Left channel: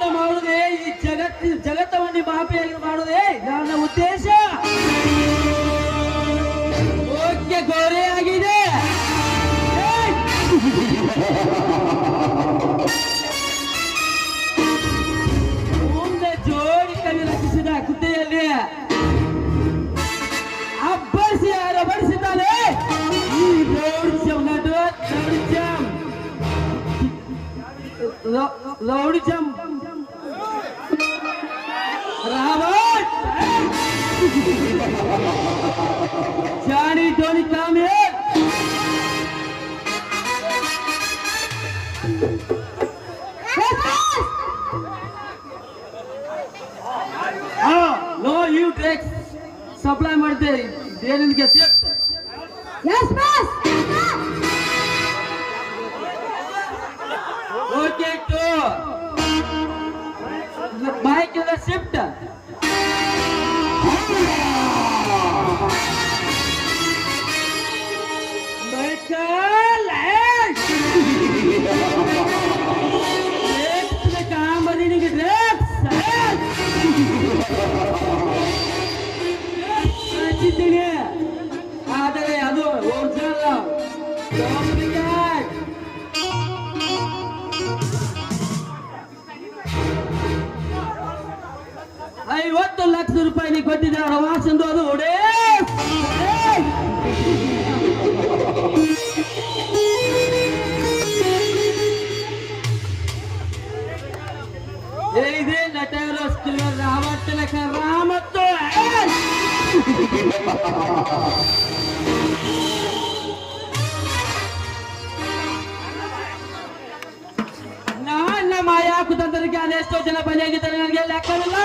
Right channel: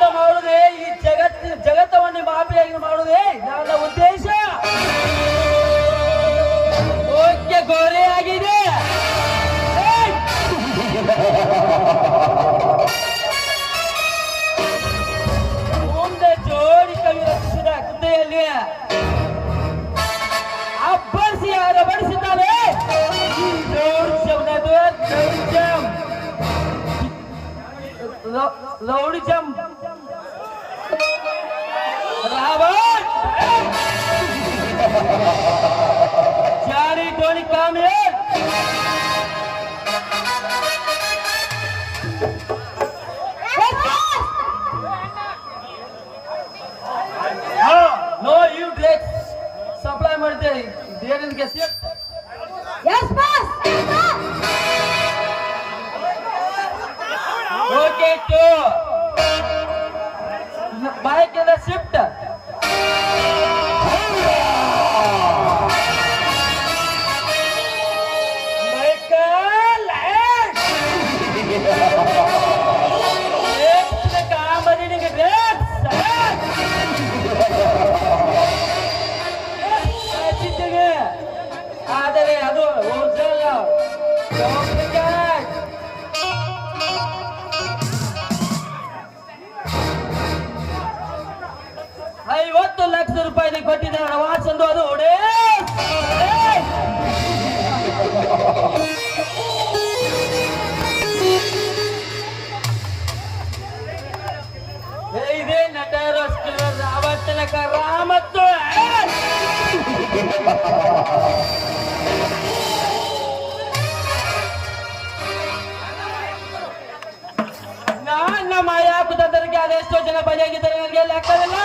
ಅಂತ ಮಾಡುದೇ ಈ ಜಗತ್, ಜಗತ್ತವನ್ನೇ ಮಾಫಿಯಾಗಿ ಮಾಡುದೇ ನನ್ನ ಉದ್ದೇಶ. ಓಕೆ, ಗೋರೆ ಮುಂದೆ ಜೋಡಿ ಕವಿ ರಚಿಸಿದ ಕುತ್ತೆಯಲ್ಲಿ ಅಬ್ಬರಿಸಿ ಯಾರ ಬಡಿಸಿದ್ದಾನೆ. ಈ rowdyism ನದು rowdyism to take supply but they they didn't get shipped. Yes, boss. Okay, to bike in the shift. Michael and. Yes, the camera didn't get there. ಹಚ್ಚಿದ್ದೇನೆ ಆದರೆ ಅದು ಒರಿಜಿನಲ್. ಐವತ್ತು ಲಕ್ಷ ರೂಪಾಯಿ ನೀವು ಕೊಟ್ಟಿದ್ದಾರೆ ಅಡ್ವಾನ್ಸ್ ಅಂದು ಅದು ಒಡೇ. ಇದೆ ನಟರ ರಾವತ್ತನ ಕರಾಮತ್ತು ನನ್ನ ಮಾಯಾ ಕುತಂತ್ರಕ್ಕೆ ಅದೆಷ್ಟೋ ಜನ ಬಲಿಯಾಗಿದ್ದಾರೆ. ನನಗೆ ಲೆಕ್ಕವಿಲ್ಲ.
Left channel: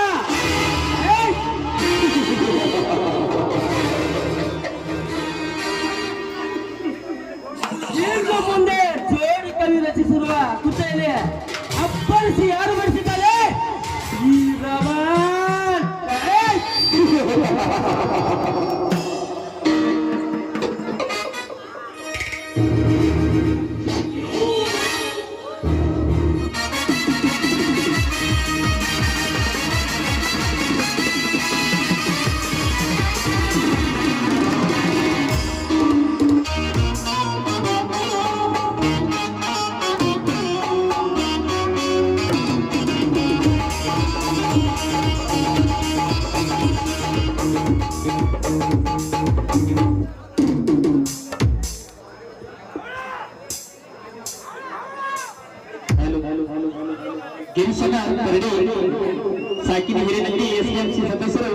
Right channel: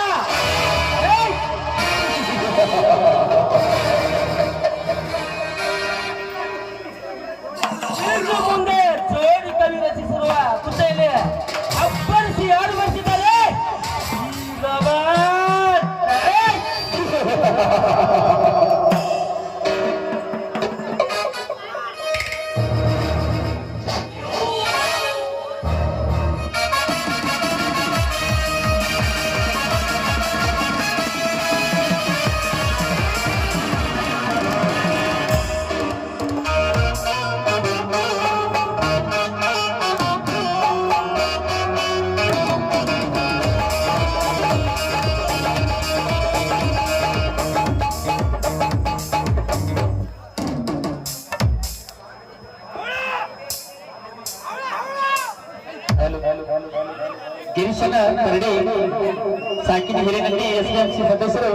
ಸಾಕಿನ ಹಿರಿಯಲ್ಲಿ ಎಸ್ಎಂಸಿ ಸದಸ್ಯರು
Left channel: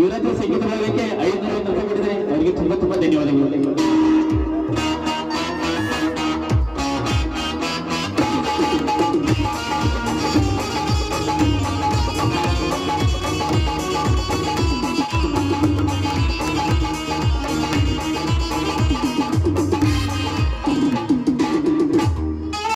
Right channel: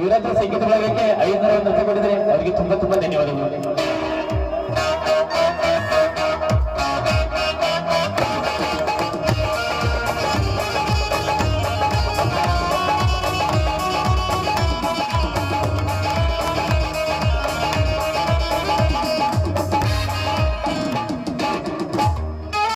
ಯುವರಾಜ ಸಂಗೀತ ಭಾಗಕ್ಕೆ ಐದು ಒಂದು ಕೊಟ್ಟಿದ್ದಾರೆ. ಅವರಿಗೆ ತುಂಬಾ ತುಂಬಾ ಧನ್ಯವಾದಗಳು.